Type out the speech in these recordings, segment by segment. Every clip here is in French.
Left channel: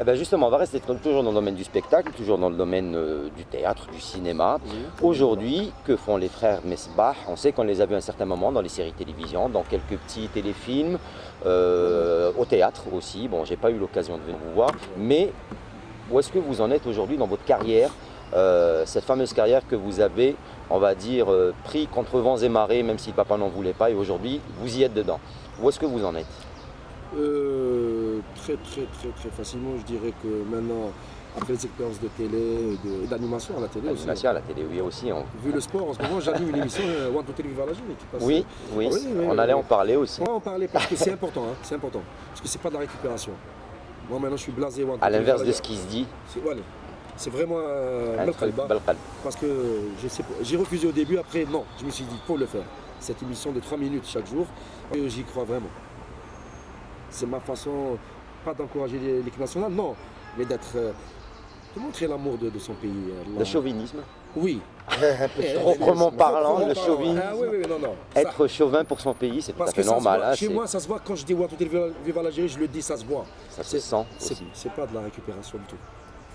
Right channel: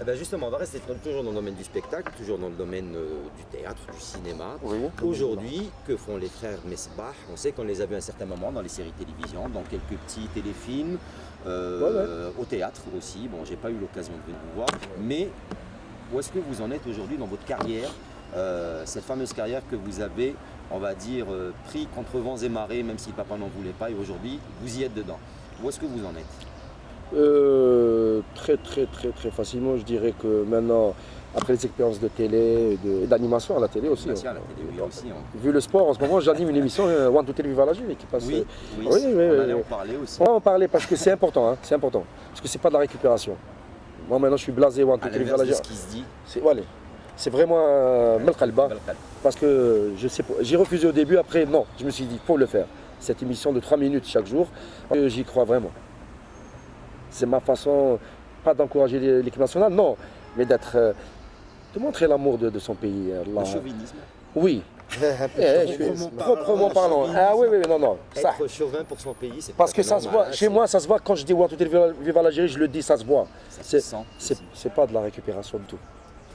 Eh ben justement, on va rester toujours dans le domaine du spectacle, toujours dans le domaine du théâtre, du cinéma. Oui. Aujourd'hui, que font les frères Mesbah? On sait qu'on les a vus à un certain moment dans les séries télévision, dans quelques petits téléfilms, au théâtre aussi. Bon, j'ai pas eu l'occasion de venir vous voir, mais où est-ce que vous en êtes aujourd'hui dans votre carrière, cette fameuse carrière que vous avez, on va dire, pris contre vents et marées, même si le papa n'en voulait pas, et aujourd'hui, vous y êtes dedans. Où est-ce que vous en êtes? Très facilement, je dirais que maintenant, après les expériences de télé et d'animation à la télé aussi. À la télé, oui, aussi. Vu le sport, en ce moment, j'anime une émission One to Télé Viva la Jury qui passe. Oui, on allait en parler aussi. On va en parler parce que c'est important, hein, c'est important. Parce que c'est pas de la récupération. Moi maintenant, je suis blasé One to À Télé Viva la l'inverse de Jury. ce qui se dit. C'est vraiment Melkalba. Parce que je sais pas, j'ai refusé au début, après non, je me suis dit, faut le faire. Cette émission de 3 minutes chaque jour, j'y crois vraiment. C'est ma façon, pas d'encourager l'équipe nationale, non, mais de montrer l'amour de son pays. Le chauvinisme. Oui. Proprement parlant. Ah oui, non. Être chauvin pour son pays, c'est parce que ça normal, se voit. hein, chez moi, ça se voit quand je dis One to Télé Viva l'Algérie, je le dis, ça se voit. Ça se sent. C'est pas de la récupération du tout.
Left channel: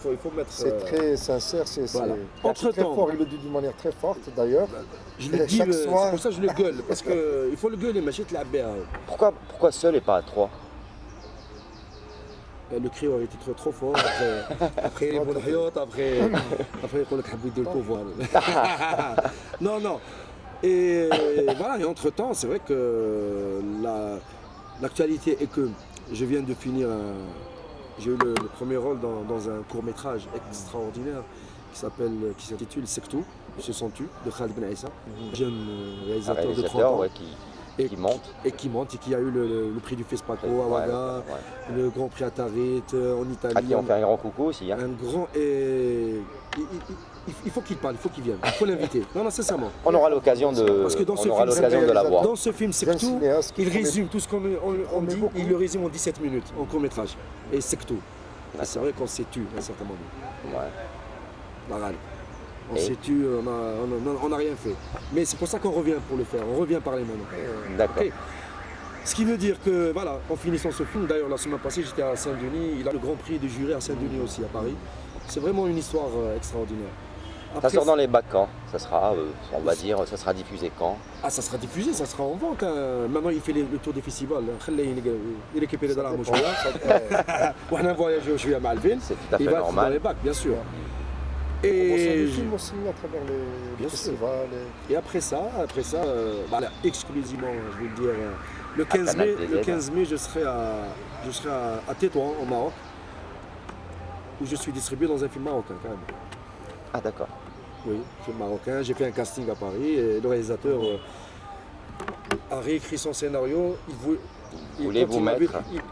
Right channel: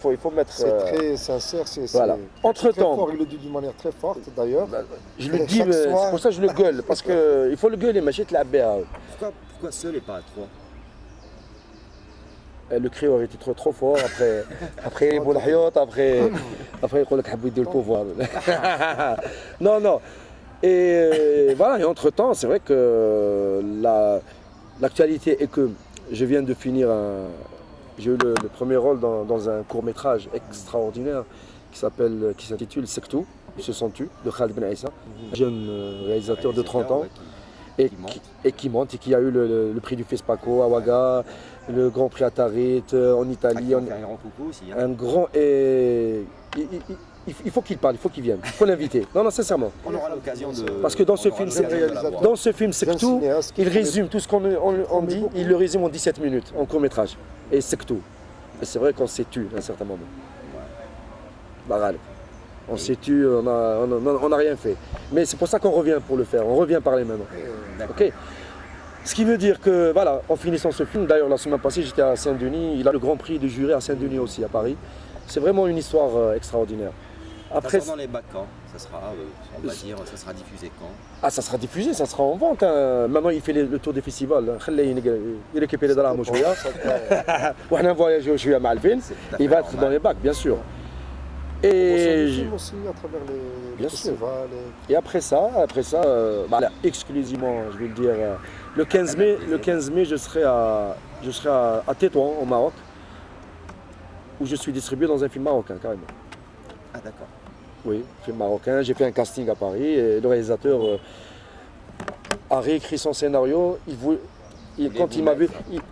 Il faut mettre. C'est très sincère, c'est voilà. très fort. Il le dit d'une manière très forte d'ailleurs. Je le dis, c'est pour ça que je le gueule, parce qu'il faut le gueuler, mais je te la béa. Pourquoi seul et pas à 3? Le cri aurait été trop fort, après il faut le pouvoir. Non. Et voilà, et entre-temps, c'est vrai que l'actualité est que je viens de finir j'ai eu le premier rôle dans un court-métrage extraordinaire qui s'intitule Sektou, Ils se sont tus, de Khaled Ben Aissa, jeune réalisateur de 30 ans. Qui monte et qui a eu le prix du FESPACO à Ouaga, le Grand Prix à Tarit en Italie. On fait un grand coucou aussi. Hein. Un grand. Et il faut qu'il parle, il faut qu'il vienne, il faut l'inviter. Non, sincèrement. On aura l'occasion de. Parce que dans ce film, c'est tout. Il résume tout ce qu'on dit, il le résume en 17 minutes, en court-métrage. Et c'est tout. Et c'est vrai qu'on s'est tu à un certain moment. Ouais. On s'est tu, on n'a rien fait. Mais c'est pour ça qu'on revient pour le faire, on revient parler maintenant. Okay. Ce qui veut dire que, voilà, en finissant ce film, d'ailleurs la semaine passée j'étais à Saint-Denis, il a le grand prix du jury à Saint-Denis aussi, à Paris. C'est vraiment une histoire extraordinaire. Après, ça sort dans les bacs quand? Ça sera, on va dire, ça sera diffusé quand? Ah, ça sera diffusé, ça sera en vente. Hein. Maintenant, il fait le tour des festivals. Il récupère les dollars à Mouchouya. On a voyagé au Chouya Malvin. Il va être dans les bacs, bien sûr. Et on film aussi à travers les festivals. Et après ça, exclusivement, je vais le dire, le 15 mai, je serai à Tétouan, au Maroc, où je suis distribué dans un film marocain, carrément. Ah d'accord. Oui, film marocain. J'ai fait un casting à Paris et le réalisateur a réécrit son scénario. Quand il m'a vu,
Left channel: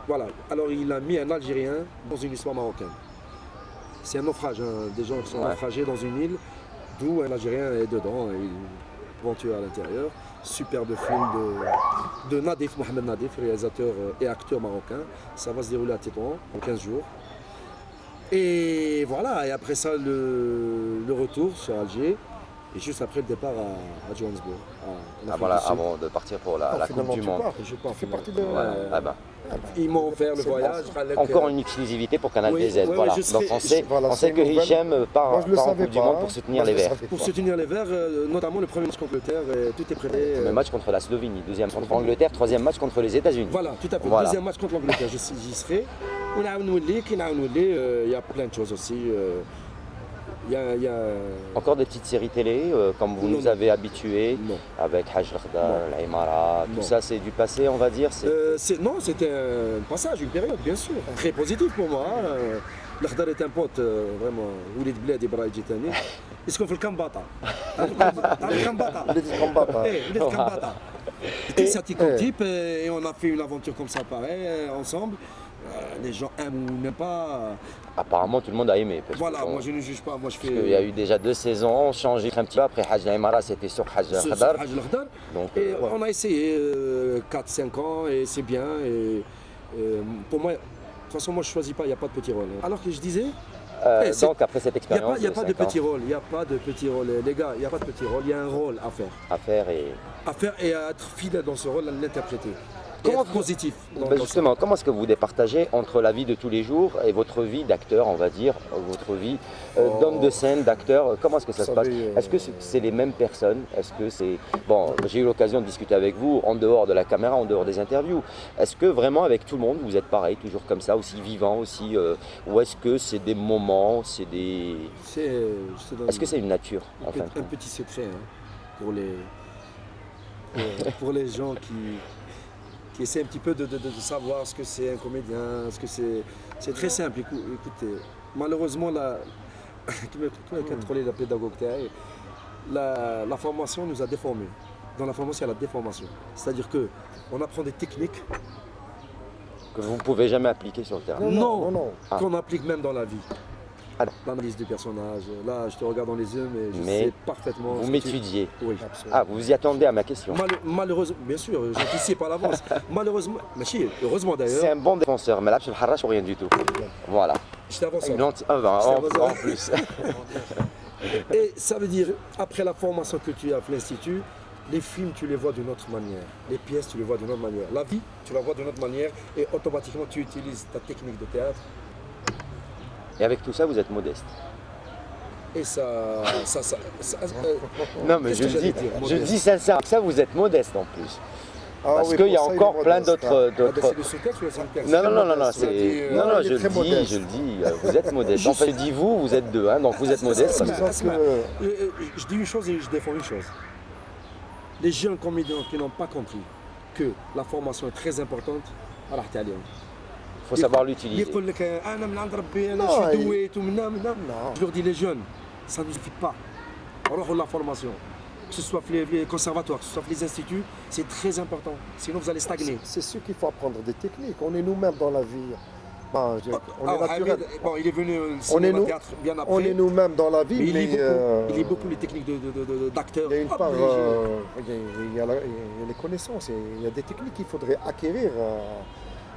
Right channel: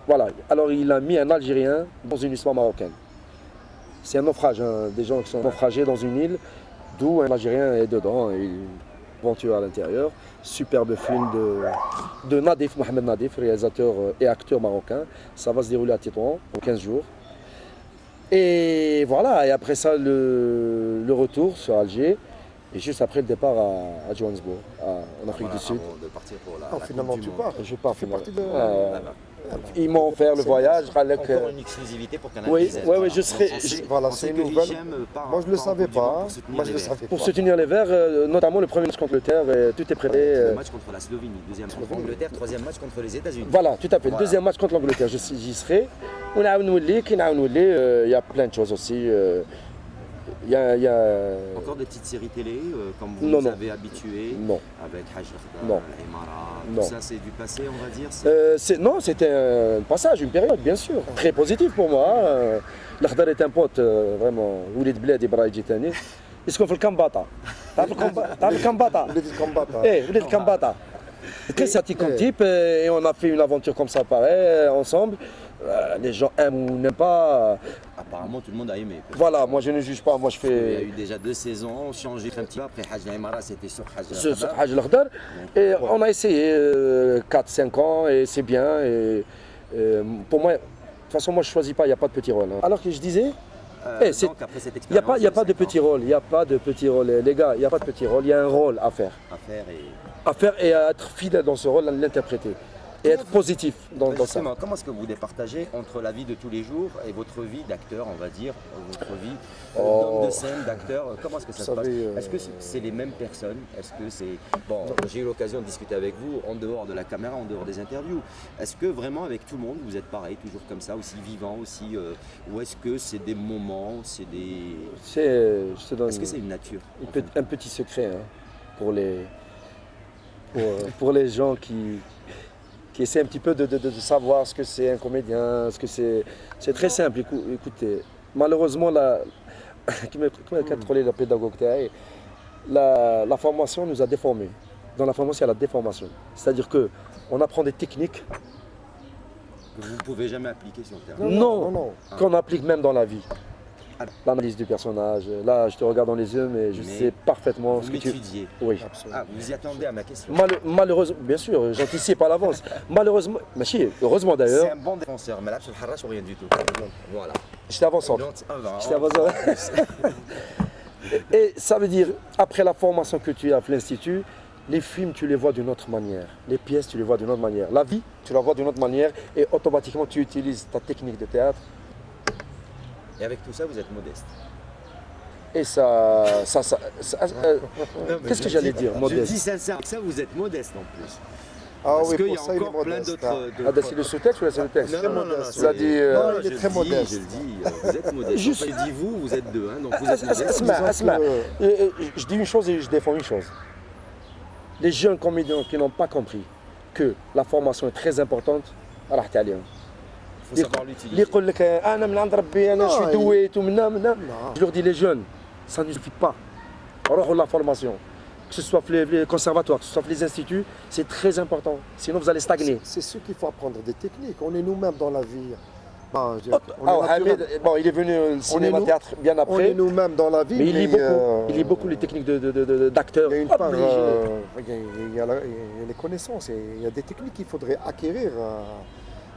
voilà. Alors il a mis un Algérien dans une histoire marocaine. C'est un naufrage, hein, des gens qui sont naufragés dans une île, d'où un Algérien est dedans, et une aventure à l'intérieur. Superbe film de Nadif, Mohamed Nadif, réalisateur et acteur marocain. Ça va se dérouler à Tétouan en 15 jours. Et voilà, et après ça, le retour sur Alger, et juste après le départ à Johannesburg, en Afrique du Sud. Avant de partir pour la finalement, Coupe du Monde. Je pars. Tu fais partie de... Ils m'ont offert le voyage. Encore une exclusivité pour Canal Oui, DZ. oui, je serai. On sait que Hichem part. Moi, je ne le savais pas. Pour soutenir les Verts, notamment le premier match contre l'Angleterre, tout est prêt. Le match contre la Slovénie, deuxième contre l'Angleterre, troisième match contre les États-Unis. Voilà, tout à fait. Deuxième match contre l'Angleterre, j'y serai. Il y a plein de choses aussi. Il y a... Encore des petites séries télé, comme vous nous avez habitués, avec Hajj Lakhdar, l'Aimara, tout ça c'est du passé on va dire? Non, c'était un passage, une période bien sûr, très positif pour moi. Lakhdar est un pote vraiment, Oulid Bled Ibrahim Jitani. Est-ce qu'on fait le Kambata? Le Kambata? Le Kambata. Très sympathique comme type, et on a fait une aventure comme ça pareil, ensemble. Les gens aiment ou n'aiment pas. Apparemment tout le monde a aimé. Voilà, moi je ne juge pas, moi je fais... Il y a eu déjà 2 saisons, changé un petit peu, après Hajj Aimara c'était sur Hajj Lakhdar. Et on a essayé 4-5 ans et c'est bien. Et, pour moi, de toute façon moi je ne choisis pas, il n'y a pas de petit rôle. Hein. Alors que je disais, donc après cette expérience, il n'y a pas de petit rôle, il n'y a pas de petit rôle. Les gars, il n'y a pas de petit rôle, il y a un rôle à faire. À faire et À faire et à être fidèle dans ce rôle, à l'interpréter. et être positif dans ça. Justement, comment est-ce que vous départagez entre la vie de tous les jours et votre vie d'acteur, on va dire, votre vie d'homme de scène, d'acteur? Comment est-ce que ça se passe? Est-ce que c'est les mêmes personnes? Est-ce que c'est... Bon, j'ai eu l'occasion de discuter avec vous en dehors de la caméra, en dehors des interviews. Est-ce que vraiment avec tout le monde, vous êtes pareil, toujours comme ça, aussi vivant, aussi... ou est-ce que c'est des moments, c'est des... Est-ce que c'est une nature? Un petit secret hein, pour les gens qui essaient un petit peu de savoir ce que c'est un comédien, ce que c'est très simple. Écoutez, malheureusement, comment contrôler la pédagogue, la formation nous a déformés. Dans la formation, il y a la déformation. C'est-à-dire qu'on apprend des techniques que vous ne pouvez jamais appliquer sur le terrain. Non. Qu'on applique même dans la vie. L'analyse du personnage, là je te regarde dans les yeux, mais je sais parfaitement. Vous m'étudiez. Oui. Ah, vous y attendez à ma question. Malheureusement, bien sûr, j'anticipe à l'avance. Malheureusement, heureusement d'ailleurs. C'est un bon défenseur, mais là, je ne le ou rien du tout. Voilà. J'étais avant-centre. J'étais avant-centre. Et ça veut dire, après la formation que tu as à l'Institut, les films, tu les vois d'une autre manière. Les pièces, tu les vois d'une autre manière. La vie, tu la vois d'une autre manière et automatiquement, tu utilises ta technique de théâtre. Et avec tout ça, vous êtes modeste. Et ça qu'est-ce que j'allais dire, modeste? Je dis sincèrement, ça vous êtes modeste en plus. Ah Parce oui, qu'il y a encore plein d'autres... C'est le sous-texte ou c'est le texte? Non, il est très modeste. Je le dis, vous êtes modeste. Enfin, je dis vous êtes deux, hein, donc vous êtes modeste. Je dis une chose et je défends une chose. Les jeunes comédiens qui n'ont pas compris que la formation est très importante, Il faut savoir l'utiliser. Je leur dis, les jeunes, ça ne suffit pas. La formation, que ce soit les conservatoires, que ce soit les instituts, c'est très important. Sinon, vous allez stagner. C'est sûr qu'il faut apprendre des techniques. On est nous-mêmes dans la vie. On est naturel. Il est venu au cinéma théâtre bien après. On est nous-mêmes dans la vie. Mais il lit beaucoup les techniques d'acteurs. Il y a une part, il y a les connaissances. Il y a des techniques qu'il faudrait acquérir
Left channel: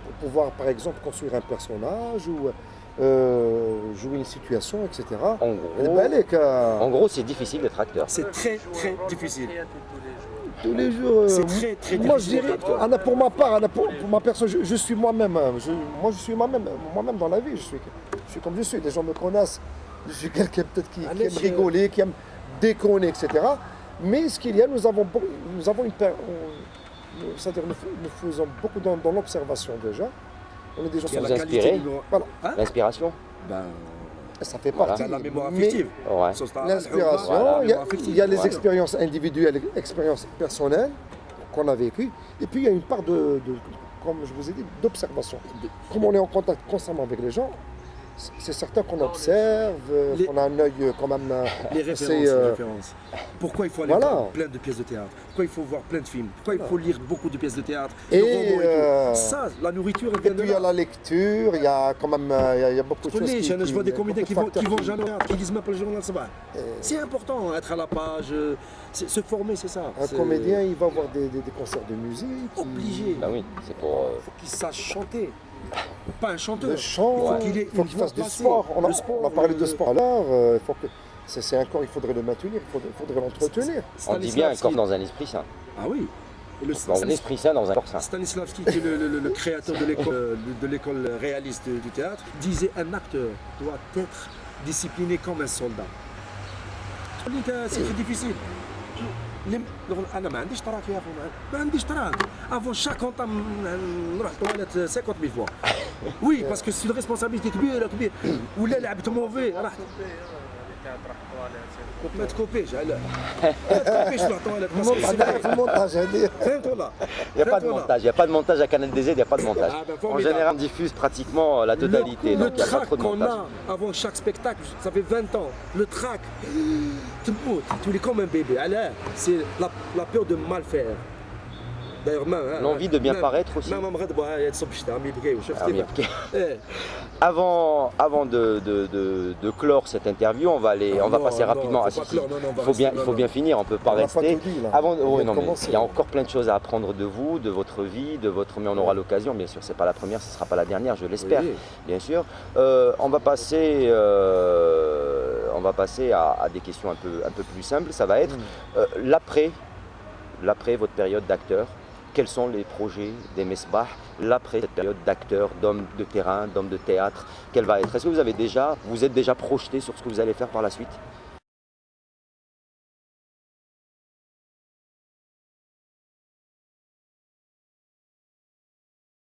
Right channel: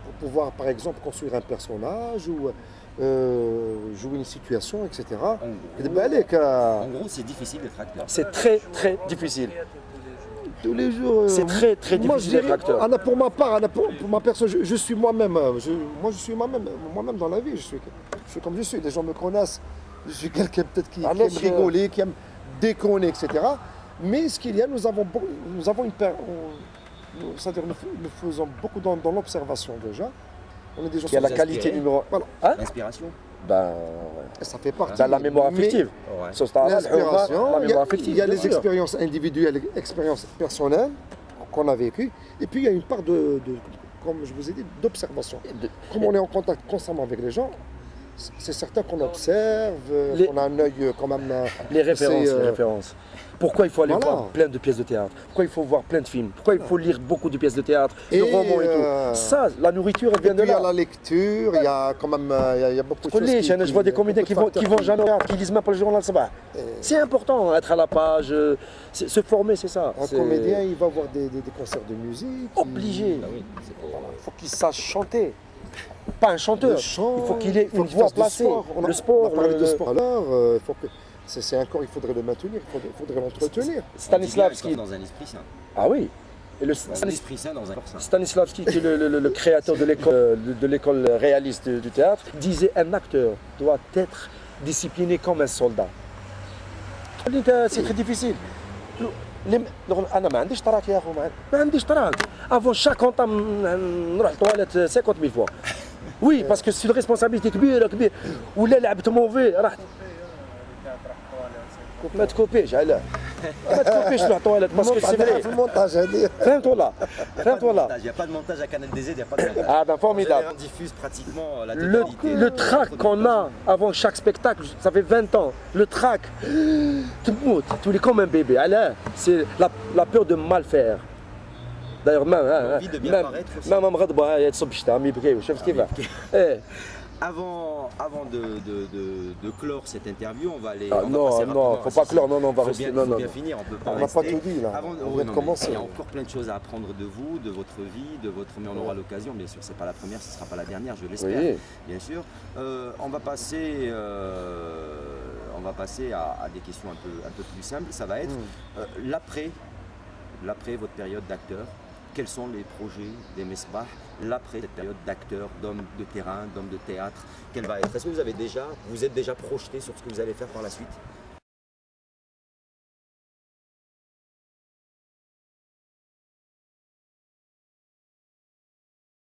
pour pouvoir, par exemple, construire un personnage ou jouer une situation, etc. En gros, c'est difficile d'être acteur. C'est très, très difficile. Tous les jours. C'est très, très difficile d'être acteur. Pour ma part, pour ma personne, je suis moi-même. Je suis moi-même dans la vie. Je suis comme je suis. Les gens me connaissent. Je suis quelqu'un peut-être qui aime rigoler, qui aime déconner, etc. Mais ce qu'il y a, nous avons une c'est-à-dire nous faisons beaucoup dans l'observation déjà. On est des gens qui a la qualité numéro 1. Voilà. L'inspiration. Ça fait partie. La mémoire affective. L'inspiration, il y a les expériences individuelles, les expériences personnelles qu'on a vécues. Et puis il y a une part comme je vous ai dit, d'observation. Comme on est en contact constamment avec les gens, c'est certain qu'on observe, qu'on a un œil quand même... Les références. Pourquoi il faut aller voir plein de pièces de théâtre? Pourquoi il faut voir plein de films? Pourquoi il faut lire beaucoup de pièces de théâtre, de romans et tout? Ça, la nourriture, elle vient de là. Il y a la lecture, il y a quand même il y a beaucoup de choses je vois des comédiens qui vont jamais au théâtre, qui lisent même pas le journal. C'est important, être à la page, se former, c'est ça. Un comédien, il va voir des concerts de musique. Obligé. Il faut qu'il sache chanter. Pas un chanteur. Le chant, il faut qu'il ait une voix placée. Le sport. On a parlé de sport. Alors, c'est un corps, il faudrait le maintenir, il faudrait l'entretenir. Stanislavski dans un esprit sain. Ah oui. Et dans un esprit sain, dans un corps sain. Stanislavski, qui est le créateur de l'école réaliste du théâtre, disait un acteur doit être discipliné comme un soldat. C'est très difficile. انا ما عنديش تراك يا اخو ما عنديش تراك افون شاك اونطام نروح الطواليت 50000 فوا وي باسكو سي ريسبونسابيلتي كبيره ولا لعبت موفي راح ما تكوبيش علاه ما تكوبيش نروح الطواليت باسكو في المونتاج هذه فهمت ولا Il n'y a pas de montage à Canal DZ, il n'y a pas de montage. Ah ben formidable. En général, on diffuse pratiquement la totalité. Le trac qu'on a avant chaque spectacle, ça fait 20 ans. Le trac, tu es comme un bébé. C'est la peur de mal faire. D'ailleurs, même. L'envie de bien paraître aussi. Même Avant de clore cette interview, on va passer rapidement. Il faut bien finir, on ne peut pas rester. On n'a pas tout dit là. Il y a encore plein de choses à apprendre de vous, de votre vie, mais on aura l'occasion, bien sûr, ce n'est pas la première, ce ne sera pas la dernière, je l'espère, bien sûr. On va passer à des questions un peu plus simples. Ça va être l'après votre période d'acteur. quels sont les projets des Mesbah l'après cette période d'acteurs, d'hommes de terrain, d'hommes de théâtre, quelle va être? Est-ce que vous êtes déjà projeté sur ce que vous allez faire par la suite?